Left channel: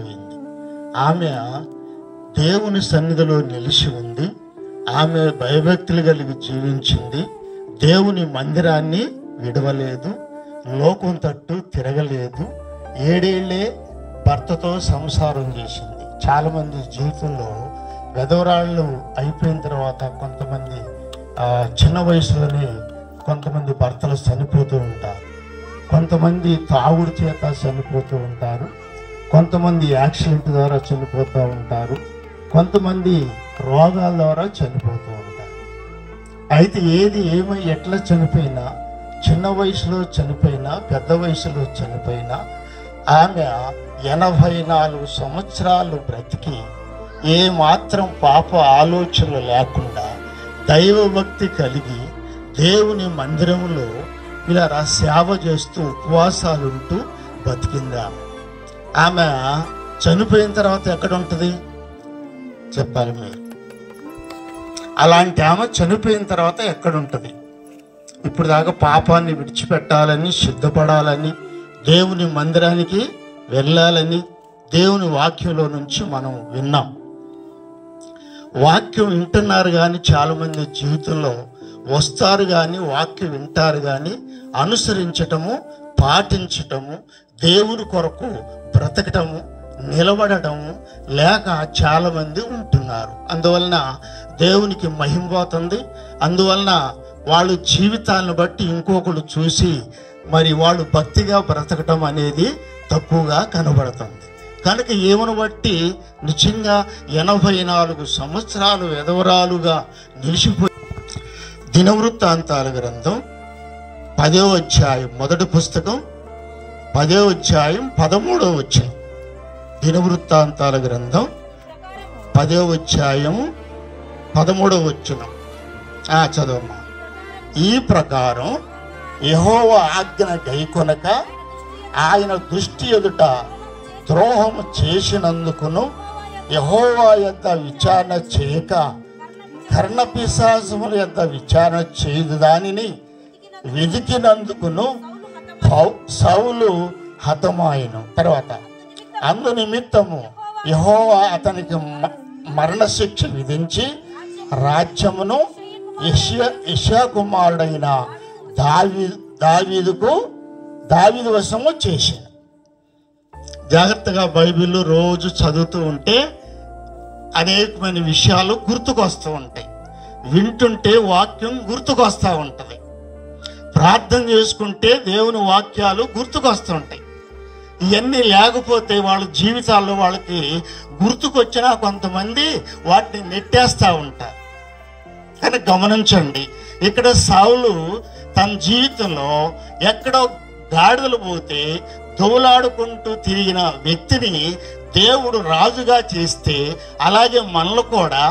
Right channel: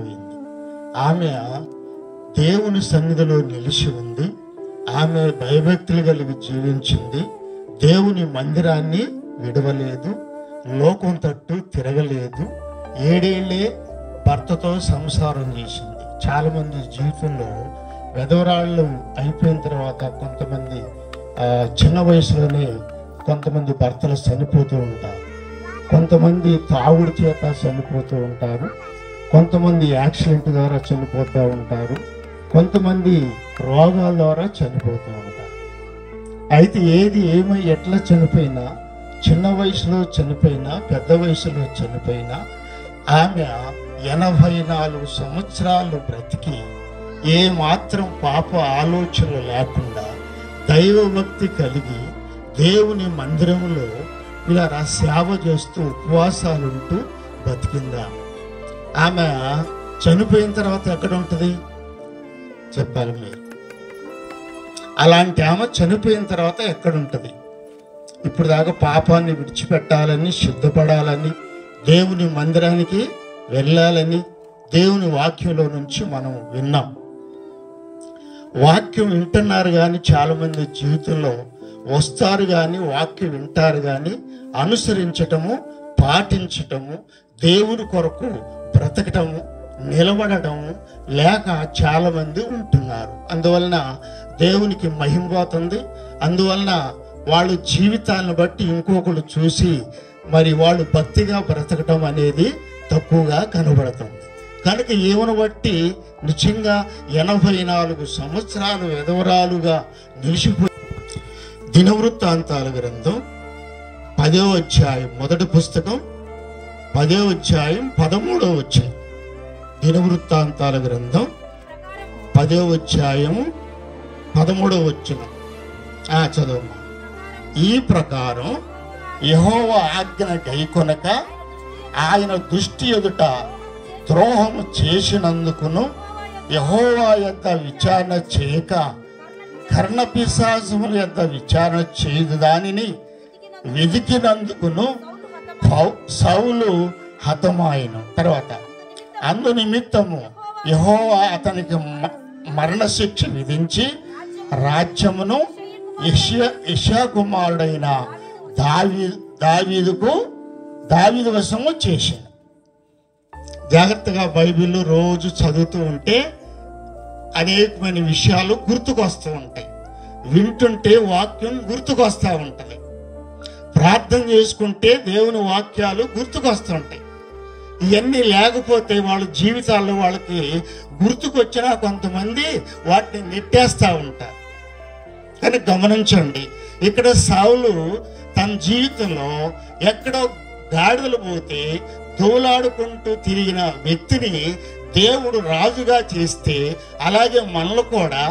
చనిపోయింది. ఆమె దేవుని సన్నిధిలో నిలిచి ఉంది. ఆమె భయభక్తులు కలిగి జీవించింది. దేవుని మందిరాన్ని విడవలేదు, లోకం తట్టు తిరగలేదు. 7 ఏళ్లే భర్తతో సంసారం చేసింది. చాలామంది జీవితంలో వెధవరాళ్ళు అయిపోయిన తర్వాత కొంతమంది చిన్న వయసులోనే కొంతమంది భర్తలు చనిపోతూ ఉంటారు, కొంతమంది తాగుడు చేత చనిపోతూ ఉంటారు, కొంతమంది యాక్సిడెంట్ ద్వారా చనిపోతూ ఉంటారు, కొంతమంది రోగాల ద్వారా చనిపోతూ ఉంటారు. అయితే ఏది ఏమై ఎట్లా చనిపోయినా, చిన్న వయసులో చనిపోయినా పెద్ద వయసులో చనిపోయినా ఆమె 84 సంవత్సరాలు బ్రతికి ఏ మాత్రం పాప ఆలోచనలు లేకుండా దైవభక్తి కలిగి దేవుని మందిరంలో ఇలా సేవ చేస్తూ ఉపవాసాలు ఉంటూ బతికిందా. ఆమె చనిపోయిన తర్వాత ఎక్కడ ఉంటుంది చెప్పాలి మీరు? అలాంటి ఆమె చనిపోయిన తర్వాత ఎక్కడ ఉంటుంది? ఇప్పుడు దాకా పాపాన్ని విడిచిపెట్టాలని, సిద్ధపడాలని, దేవుని మందిరానికి వెళ్ళాలని దేవుని వాక్యంలో నుంచి మనం విన్నాం. వాక్యం వింటున్నారు కానీ చాలామంది జీవితంలో వస్తారు కానీ వాక్యం వింటారు కానీ అనుసరించటము, పాటించటము, దేవుని కొరకు బ్రతకటము, నిలబడటము లేక చాలామంది ఉంటున్నారు. అందువలన దేవునికి మహిమ పోతుంది. అందువలన వాళ్ళ జీవితాలను బట్టి ఇంకొకరు చూసి మరి వాళ్ళు భక్తిగా బ్రతకటం అనేది తక్కువగా కనబడుతుంది. కనుక ఏమను బట్టి నిజంగా 84 సంవత్సరాలు విధవరాలుగా నిలిచిపోయి దినవృత్తాంతాల గ్రంథం 10వ అధ్యాయం మొదటి పుస్తకం 10వ అధ్యాయం 13వ వచనం. దినవృత్తాంతాల గ్రంథం 10వ అధ్యాయం 13వ వచనం చదవమ్మా. ఈ ప్రకారం యెహోవా ఆజ్ఞ గైకొనక ఆయన దృష్టి ఎదుట ద్రోహము చేసినందుకును, యెహోవా యొద్ద విచారణ చేయక కర్ణపిశాచముల యొద్ద విచారణ చేయదు దానిని వెదికినందుకును సౌలు హతమాయను. తర్వాత అందు నిమిత్తము యెహోవా అతనికి మరణశిక్ష విధించి రాజ్యమును యెషయా కుమారుడైన దావీదు వశము చేశాను. జాగ్రత్తగా బైబిల్ రోజు చదువుతూ ఉంటే అనేకమైన విషయాలు గుర్తుకొస్తూ ఉంటాయి. వింటుంటే వాక్యం గుర్తుకొస్తూ ఉంటుంది. ప్రార్థన చేసుకుంటే దేవుని వాక్యాలు గుర్తుకొస్తూ ఉంటాయి. ఇవన్నీ లేకపోతే వాళ్ళ జీవితాల్లో వాళ్ళకి గుర్తుకొచ్చినా కొంతమంది వాటిని నెట్టేస్తూ ఉంటారు. కానీ గమనించండి, ఇక్కడ సౌలు తన జీవితంలో ఎక్కడో గాడిదలు పోతే దోలాడుకుంటూ తిరిగిన వ్యక్తిని దేవుడు రాజుగా చేస్తే, అలాగే మనలు కూడా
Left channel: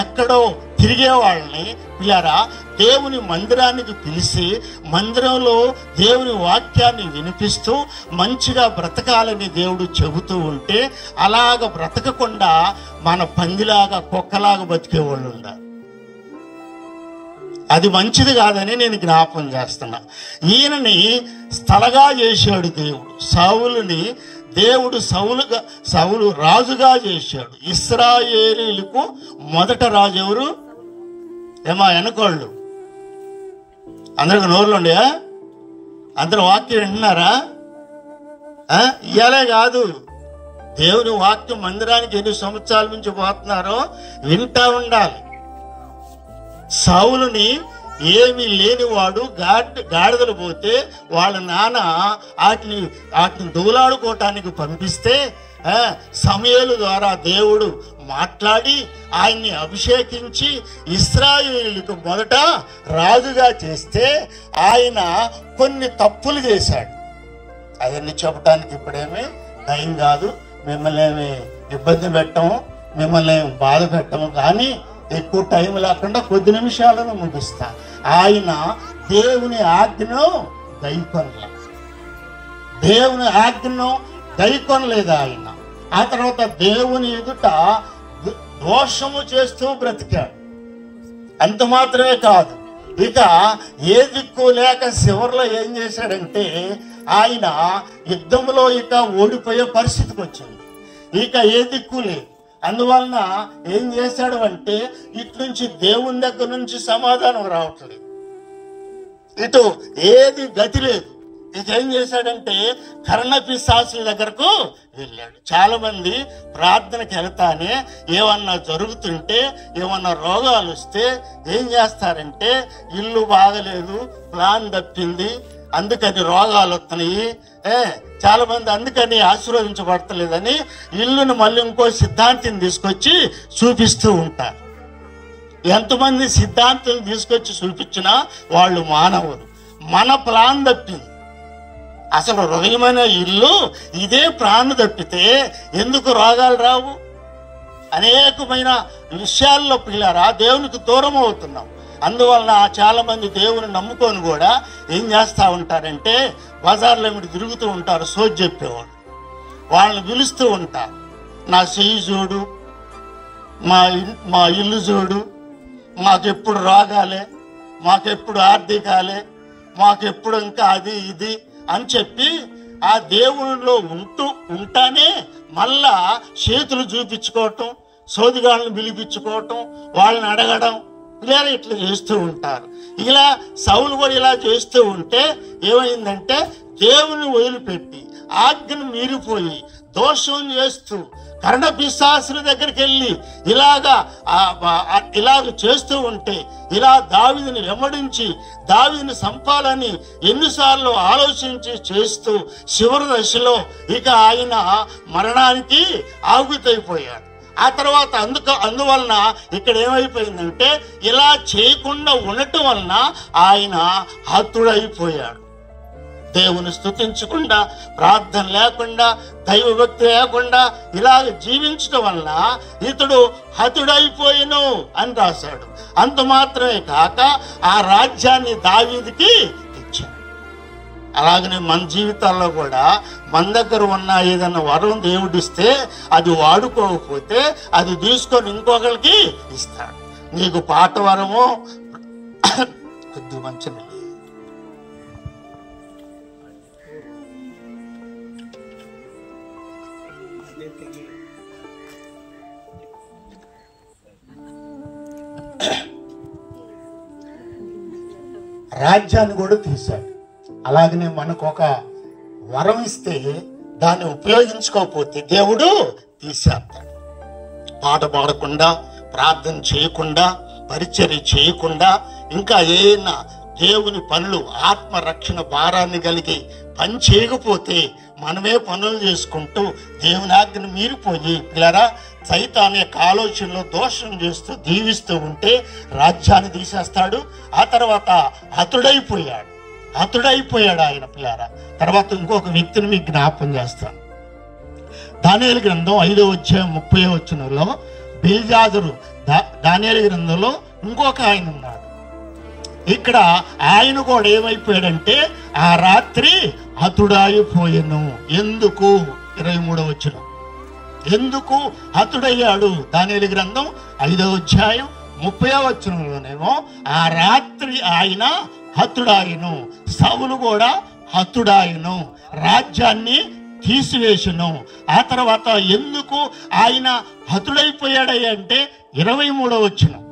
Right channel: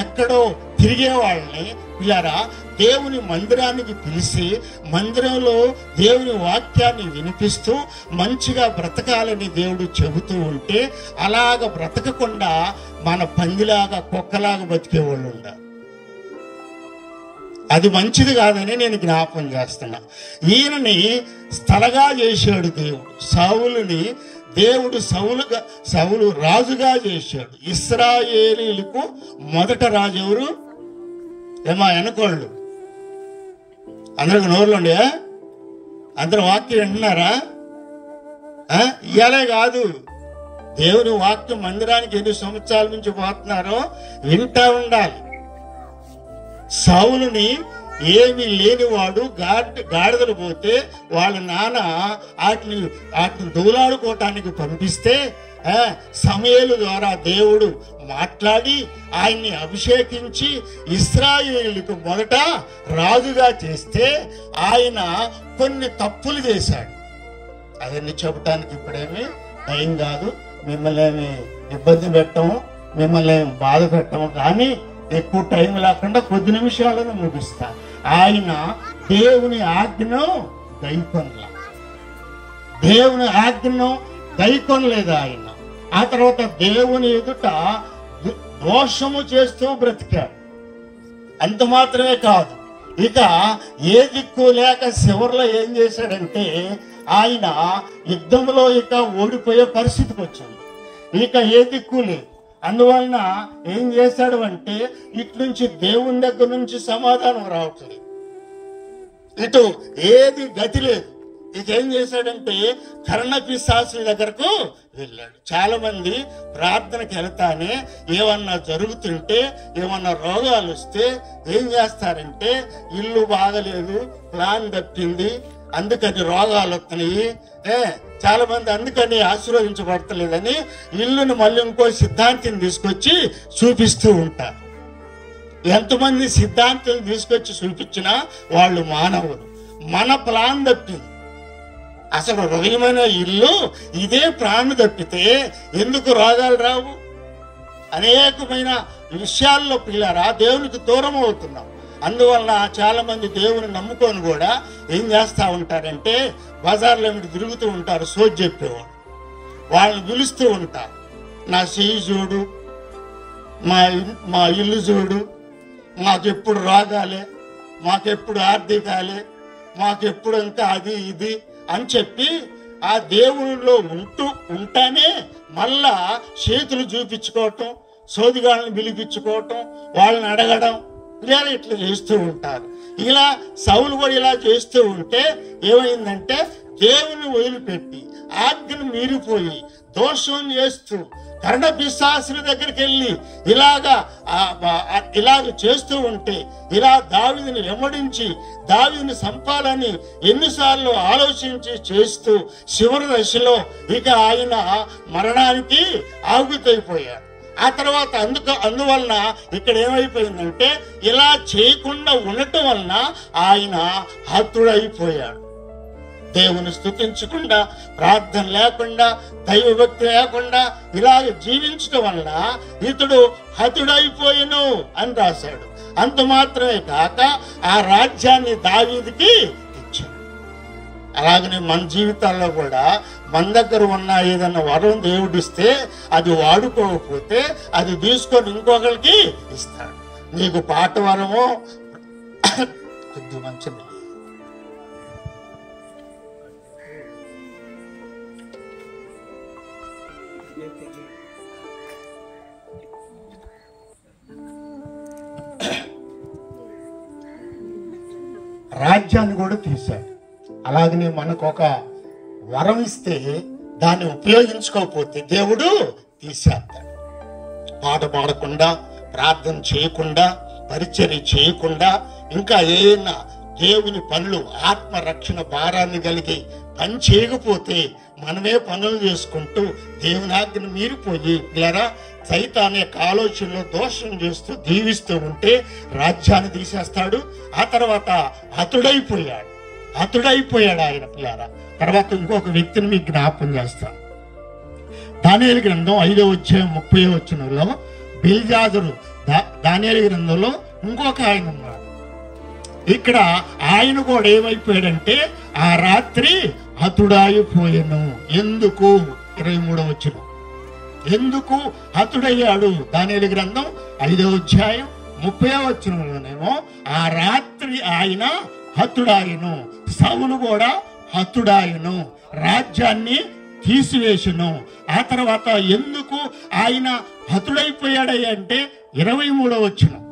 ఎక్కడో తిరిగే వాళ్ళని పిల్లరా దేవుని మందిరానికి పిలిచి మందిరంలో దేవుని వాక్యాన్ని వినిపిస్తూ మంచిగా బ్రతకాలని దేవుడు చెబుతూ ఉంటే అలాగ బ్రతకకుండా మన పందిలాగా కుక్కలాగా బతికేవాళ్ళు ఉన్నారు. అది మంచిది కాదని నేను జ్ఞాపం చేస్తున్నా. ఈయనని స్థలగా చేశాడు దేవుడు. సౌలుని దేవుడు సౌలు రాజుగా చేశాడు. ఇశ్రాయేలీలకు మొదట రాజు ఎవరు? ఏమా వెనకోళ్ళు అందరికి నోరులు ఉండే అందరు వాక్యం వింటున్నారా? ఇయాలే కాదు, దేవుని వాక్యం మందిరానికి 8 సంవత్సరాల నుంచి పోతున్నారో వింటా ఉండాలి. సౌలుని ఏమీ లేనివాడు గాడిదలు పోతే వాళ్ళ నాన్న వాటిని దూలాడుకోవటానికి పంపిస్తే సమూయేలు ద్వారా దేవుడు మాట్లాడి ఆయన్ని అభిషేకించి ఇశ్రాయేలుకు మొదట రాజుగా చేస్తే ఆయన కొన్ని తప్పులు చేశాడు. అవన్నీ చెప్పడానికి ఇప్పుడేమి టైం కాదు. మిమ్మల్ని ఏమి ఇబ్బంది పెట్టము, మిమ్మల్ని ఏమి బాధ పెట్టము. కానీ ఎక్కువ టైం లేకుండా కొద్ది నిమిషాలను ముగిస్తా. ఆయన దేవుని ఆజ్ఞను గైకొనలేదు ఆయన. ఆ తర్వాత దేవుని ఎదుట దోషము చేస్తూ బ్రతికాడు. అంత మాత్రమే కాదు, ఇక ఏ దిక్కు లేక చివరిలో ఏం చేశాడంటే ఆయన యుద్ధంలో ఇక ఓడిపోయే పరిస్థితికి వచ్చింది. ఇక ఏ దిక్కు లేదు. అందువలన ఏం చేశాడు అంటే ఇటు నుంచి దేవుని దగ్గర నుంచి సమాధానం రావట్లేదు, ఇటు ఏది గతి లేదు. ఇక ఏం చేశాడంటే కర్ణపిశాచుల దగ్గరకు వెళ్ళాడు. చాలా మంది ప్రార్థనకి వెళ్తానే ఏమన్నా జరుగుతుంటే, ఏమన్నా రోగాలు వస్తే ఏం చేస్తారంటే ఇల్లు బాగలేదు, ప్లాన్ తప్పింది, అందుకని రోగాలు వస్తున్నాయి, చాలా మంది అందుకని ఆశీర్వదించబడతలేదని ఇల్లును మళ్ళీ ఇంకో సిద్ధాంతిని తీసుకొచ్చి చూపిస్తూ ఉంటారు. ఎంతమంది సిద్ధాంతం తీసుకొచ్చి చూపించినా వాళ్ళు మానవులు. మన ప్లాన్ తప్పింది. అసలు హృదయమైన ఇల్లు ఇదే ప్రాణం తప్పితే ఎందుకు రోగాలు రావు? అనేకమైన విషయాల్లో పిల్లారా దేవునికి దూరం అవుతున్నాం. అందువలన చాలా మంది దేవుని నమ్ముకొని కూడా ఏం చేస్తూ ఉంటారంటే బజార్లో ఏమిటి తిరుగుతూ ఉంటారు, సోది చెప్పేవాడు. వాళ్ళని పిలుస్తూ ఉంటారు, నా చెయ్యి చూడు, మా ఇల్లు చూడు, మాకెప్పుడు రోగాలే, మాకెప్పుడు ఆర్థికాలే, మాకెప్పుడు ఇంకా అది ఇది అని చెప్పి ఆ దేవునిలో ఉంటానే మళ్ళా చేతులు చూపించుకోవటం, సోదిగాళ్ళని పిలిపించుకోవటం, వాళ్ళని అడగడం, ఇలా ఇట్లా చేస్తూ ఉంటారు. ఇలా సౌలు కూడా ఇలా చేస్తూ ఉంటే ఏమైందంటే దేవుని వదిలిపెట్టి ఆజ్ఞను మీరిపోయి దోషం చేస్తూ కర్ణపిశాచుల దగ్గరికి వెళ్ళి ఇలాగ చేస్తూ ఉంటే, ఇలా దావీదుని వెంబడించి దావీదుని చంపాలని ఎన్నిసార్లు ఆలోచించి చేస్తూ చివరి దశలో ఇక ఆయన మరణానికి ఆగుతైపోయాడు. ఆ తర్వాత అందువలన ఇక్కడ ఏమైపోయిందంటే ఇలా చేయకుండా ఉండటం వలన ఆయన హతుడైపోయాడు. దేవుని స్తుతించకుండా, ప్రార్థన లేకుండా, దైవభక్తి లేకుండా ఇలాగ జీవించడం వలన ఇతడు హతుడైపోయిను అని రాశాడు. అంత మాత్రమే కాక ఆ రాజ్యాన్ని దావీదుకి ఇచ్చాడు. అలాగనే మన జీవితాల్లో కూడా మన దగ్గర ఉన్న ఏదైనా వరం దేవుడిస్తే అది వాడుకోకపోతే అది తీసుకొని ఇంకొకరికి ఇస్తాడు. నీకు పాట వరమో కొద్ది మంచి రాజ్యాన్ని కూడా తీశాడు. అలాగనే మనకు ఒక వరం ఇస్తే దాన్ని ఉపయోగించుకోకపోతే దేవుడు తీసేస్తాడు. పాట పాడకుండా, ప్రార్థన చేయకుండా, పరిచర్య చేయకుండా, ఇంకా ఏమైనా దేవుని పనులు ఆత్మరక్షణ భారాన్ని కలిగి పని చేయకపోతే మనమే పనులు చేసుకుంటూ దేవుని ఆజ్ఞను మీరిపోయి పిల్లరా సైతాన్ యొక్క ఆలోచనలో దోషం చేస్తూ దీవిస్తూ ఉంటే రాజ్యాన్ని తీసేస్తాడు. ఆ తర్వాత హతుడైపోయాడు ఆయన పిల్లారా. తర్వాత ఇంకొక వ్యక్తిని మీకు జ్ఞాపకం చేస్తాను. దానియేలు గ్రంథం 5వ అధ్యాయం 30వ వచనంలో బెల్షాజరు, దానియేలు గ్రంథంలో ఇంకొక ఆయన ఉన్నాడు. ఇక్కడ ఆయన కూడా ఏమైపోయాడంటే ఆ రాత్రి హతుడైపోయాను. ఎందుకు? 23వ వచనం. ఎందుకు హతుడయ్యాడు? దానియేలు గ్రంథం 5వ అధ్యాయం 30వ వచనంలోనేమో ఆ రాత్రి ఆయన హతుడాయను, సౌలు కూడా హతుడాయను, రాజ్యాన్ని తీసివేసును. ఆ తర్వాత ఎందుకు ఆయన హతుడైపోయాడయ్యా అంటే 23వ వచనం.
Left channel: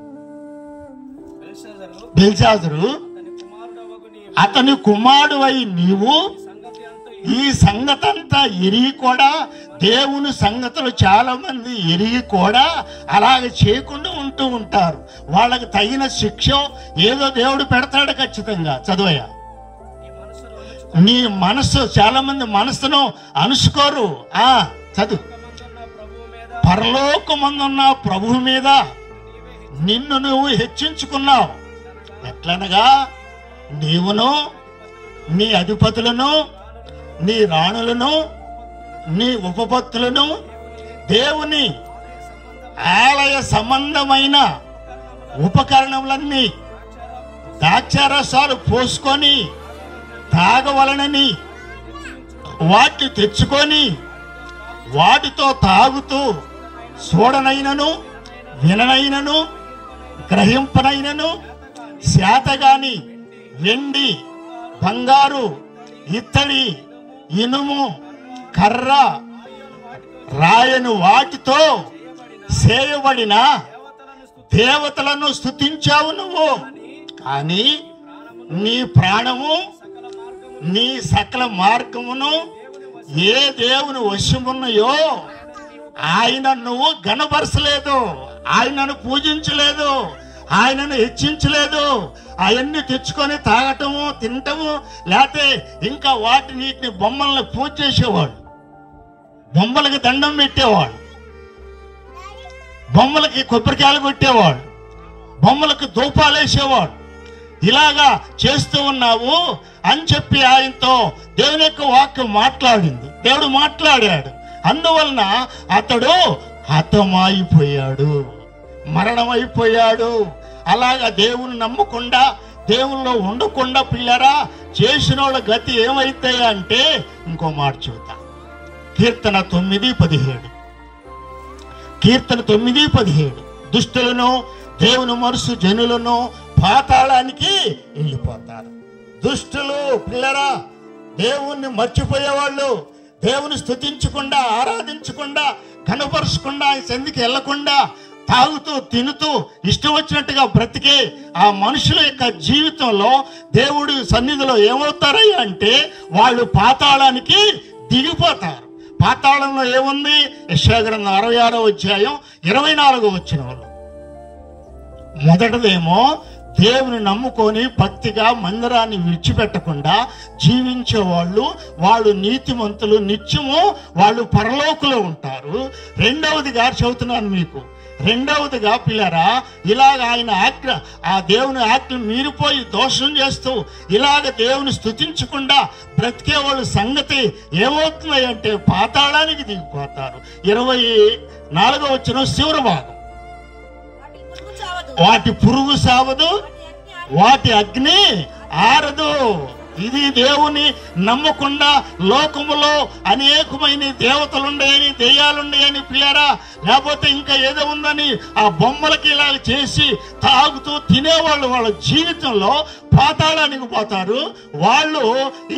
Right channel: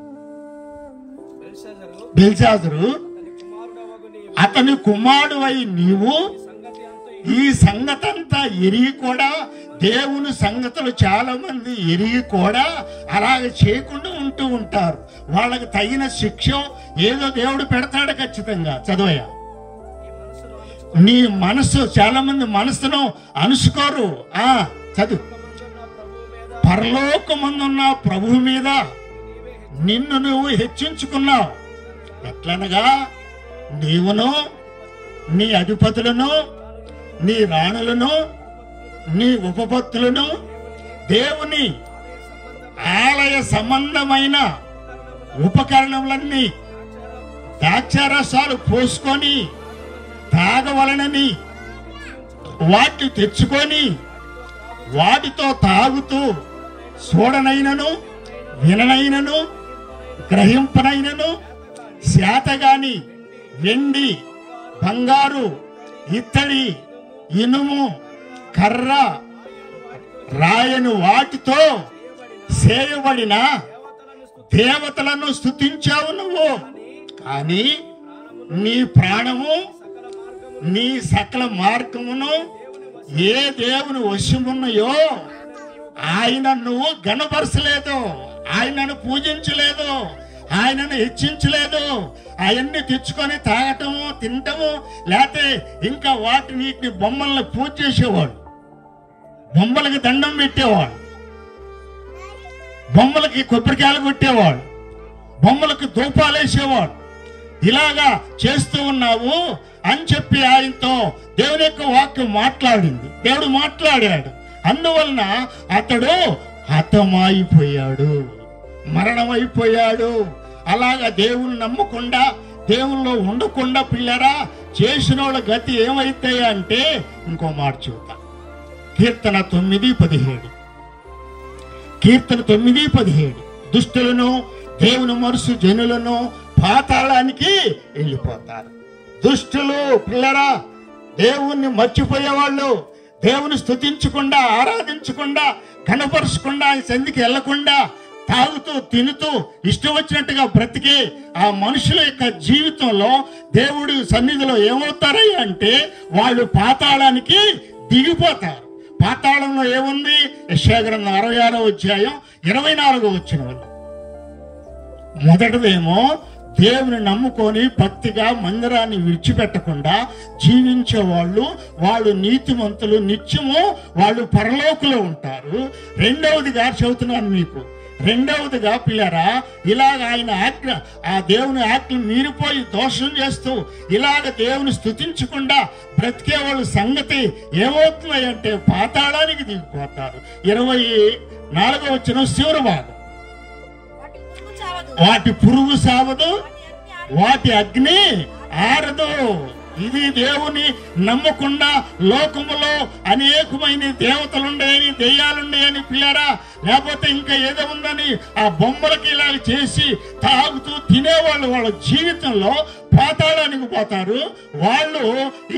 బెల్షాజరు అతని కుమారుడై నీవు ఈ సంగతంతా ఎరిగి కూడా, దేవుని సంగతులు చాలా మంది ఎరిగి కూడా అలాగ చేయకుండా ఉంటూ ఉంటారు. వాళ్ళకి తగిన శిక్ష ఏదో దేవుడు పెడతాడు ఖచ్చితంగా. చదువయ్యా, నీ మనసు, చాలా మంది మనసును అనుసుకోరు. చదువు. పరలోకమందున్న ప్రభువు మీద నిన్ను నువ్వు హెచ్చించుకున్నావు. ఎట్లనగా నీవును, నీ అధిపతులను, నీ రాణులను, నీ ఉపపత్తులను దేవుని ఆలయ సంబంధమైన ఉపకరణములన్నీ ద్రాక్షారసాలు పోసుకొని తాగవలనని వాటి తెచ్చుకొని వాటితో తాగుతూ చూడనైనను, విననైనను, గ్రహింపనైనను శాతగాని వెండి, బంగారు, ఇత్తడి, ఇనుము, కర్ర, రాయని వాటితో చేయబడిన దేవతలను స్తుతించావు నువ్వు. కానీ నీ ప్రాణము నీ సకల మార్గమును ఏ దేవుని వశమున్నాయో ఆయన నువ్వు గణపరచలేదు, ఆయనను పూజించలేదు, ఆయనను హెచ్చించలేదు. అవన్నీ తెచ్చుకొని తాగటము తినటము, లేకపోతే ఇంకా వీటిని బొమ్మల్ని పూజ చేసేవాడు, బొమ్మలకి దండం పెట్టేవాడు, బొమ్మలకి కొబ్బరికాయలు కొట్టేవాడు, బొమ్మలకి ధూపాలు వేసేవాడు. ఇలాగా చేస్తూ ఉన్నావు అని చెప్పి ఆయనతో దేవుని యొక్క వాక్యం మాట్లాడింది. దేవుడు మాట్లాడాడు. అందువలన అతడు హతమైపోయాడు, మరణమైపోయాడు. అలాగా దేవుని నమ్మకుండా దేవుల్లో ఉండకుండా పిల్లరా చేసిన వాళ్ళ గతి ఏమైతాయా అంటే ఇంకో మాట చూద్దాం. కీర్తన 9:17. కీర్తన 9:17. దుష్టులను దేవుని మనసు జనులను పాతాళానికి వెళ్ళిపోతారు. దుష్టులు పిల్లరా దేవుణ్ణి మర్చిపోయేవాళ్ళు, దేవుని స్తుతించకుండా ఆరాధించకుండా కనపరచకుండా ఆయన సంధికి వెళ్లకుండా తాగుతూ తినుతూ ఇష్టం వచ్చినట్టుగా బ్రతికే ఆ మనుషుల యొక్క జీవితంలో దేవుడి సన్నిధిలో ఏమవుతారయ్యా అంటే వాళ్ళు పాతాళానికి దిగిపోతారు. పాతాళంలో ఏముంది? యెషయా గ్రంథం 66వ అధ్యాయం 24వ వచనంలో మొదటిదేమో దేవుని నమ్ముకొని భక్తిగా మందిరాన్ని విడిచిపెట్టకుండా జీవించే వాళ్ళు నీతిమంతులు, నిత్యము వాళ్ళు పరలోకులో ఉంటారు. రెండవదిగా చెబుతున్నాను మీకు, రెండవదిగా పిల్లరా ఇలాగ ఆయన ఆజ్ఞ ఆ దేవుని ఆజ్ఞలు మీరిపోయి దోషం చేస్తూ ఇలాగ దేవుని స్తుతించకుండా బ్రతికే వాళ్ళ సంగతి ఏమవుతున్నాయంటే పాతాళానికి దిగిపోతారు. 24వ వచనం చివరి భాగం, వాటి పురుగు సావదు, వాటి అగ్ని ఆరదు. ఇది దేవుని నమ్మకుండా లోకములో అనేకమైన దేవతలుండయని దెయ్యాలుండయని పిల్లరా, లేకపోతే ఇంకా ఏదో ఉందని ఆ బొమ్మలకి ఇలా చేసి తాగుతూ తినేవాళ్ళు వాళ్ళ జీవితంలో పాతాళానికి పోతారు. వాళ్ళు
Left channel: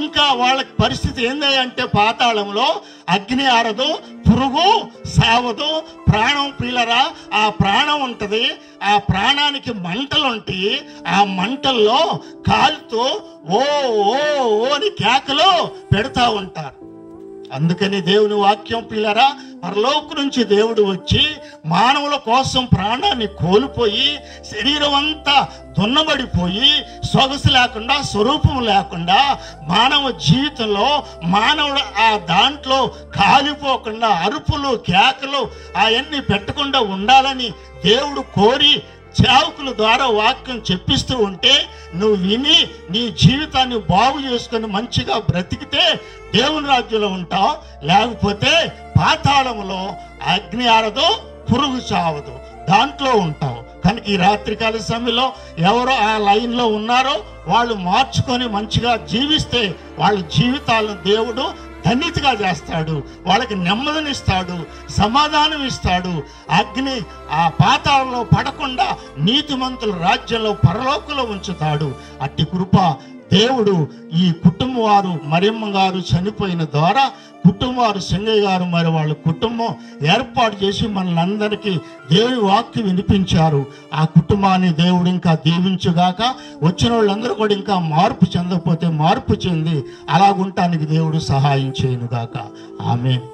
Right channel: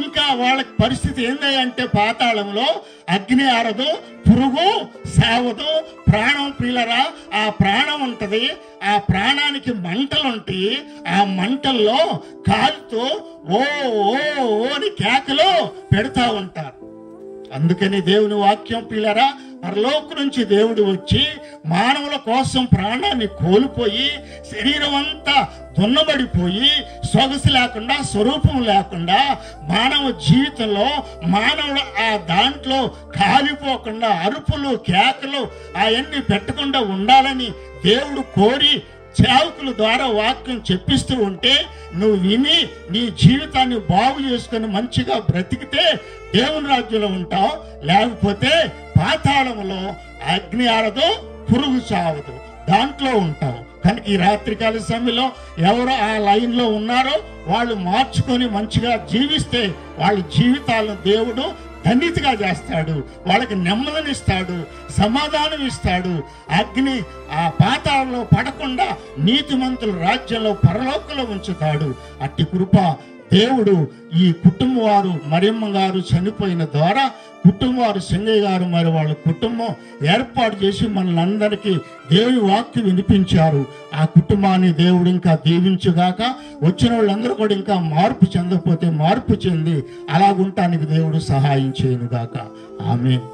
ఇంకా వాళ్ళ పరిస్థితి ఏందంటే పాతాళంలో అగ్ని ఆరదు, పురుగు సావదు, ప్రాణం పిల్లరా ఆ ప్రాణం ఉంటది, ఆ ప్రాణానికి మంటలు ఉంటాయి, ఆ మంటల్లో కాలుతో ఓ ఓ అని కేకలు పెడతా ఉంటారు. అందుకని దేవుని వాక్యం పిల్లరా పరలోకం నుంచి దేవుడు వచ్చి మానవుల కోసం ప్రాణాన్ని కోల్పోయి శరీరం అంతా దున్నబడిపోయి సొగసు లేకుండా స్వరూపం లేకుండా మానవ జీవితంలో మానవుడు ఆ దాంట్లో కాలిపోకుండా అరుపులు కేకలు అవన్నీ పెట్టకుండా ఉండాలని దేవుడు కోరి సేవకుల ద్వారా వాక్యం చెప్పిస్తూ ఉంటే నువ్వు విని నీ జీవితాన్ని బాగు చేసుకొని మంచిగా బ్రతికితే దేవుని రాజ్యంలో ఉంటావు, లేకపోతే పాతాళంలో అగ్ని ఆరదు, పురుగు చావదు, దాంట్లో ఉంటావు. కనుక ఈ రాత్రికాల సమయంలో ఎవరో ఆ లైన్లో ఉన్నారో వాళ్ళు మార్చుకొని మంచిగా జీవిస్తే వాళ్ళ జీవితాలను దేవుడు ధన్యతగా చేస్తాడు, వాళ్ళకి నెమ్మదినిస్తాడు, సమాధానం ఇస్తాడు. అగ్ని ఆ పాతాళంలో పడకుండా నీతిమంతుల రాజ్యంలో పరలోకంలో ఉంచుతాడు. అట్టి కృప దేవుడు ఈ కుటుంబం వారు మరియమ్మ గారు చనిపోయిన ద్వారా కుటుంబం వారు సింగయ్య గారు మరి వాళ్ళ కుటుంబం ఏర్పాటు చేసి మనలందరికీ దేవుని వాక్యం వినిపించారు. ఆ కుటుంబాన్ని దేవుడు ఇంకా దీవించుగాక. వచ్చిన వాళ్ళందరూ కూడా ఇంకా మార్పు చెందకపోతే మార్పు చెంది అలాగుంటానికి దేవుడు సహాయం చేయనుగాక. ఆమేన్.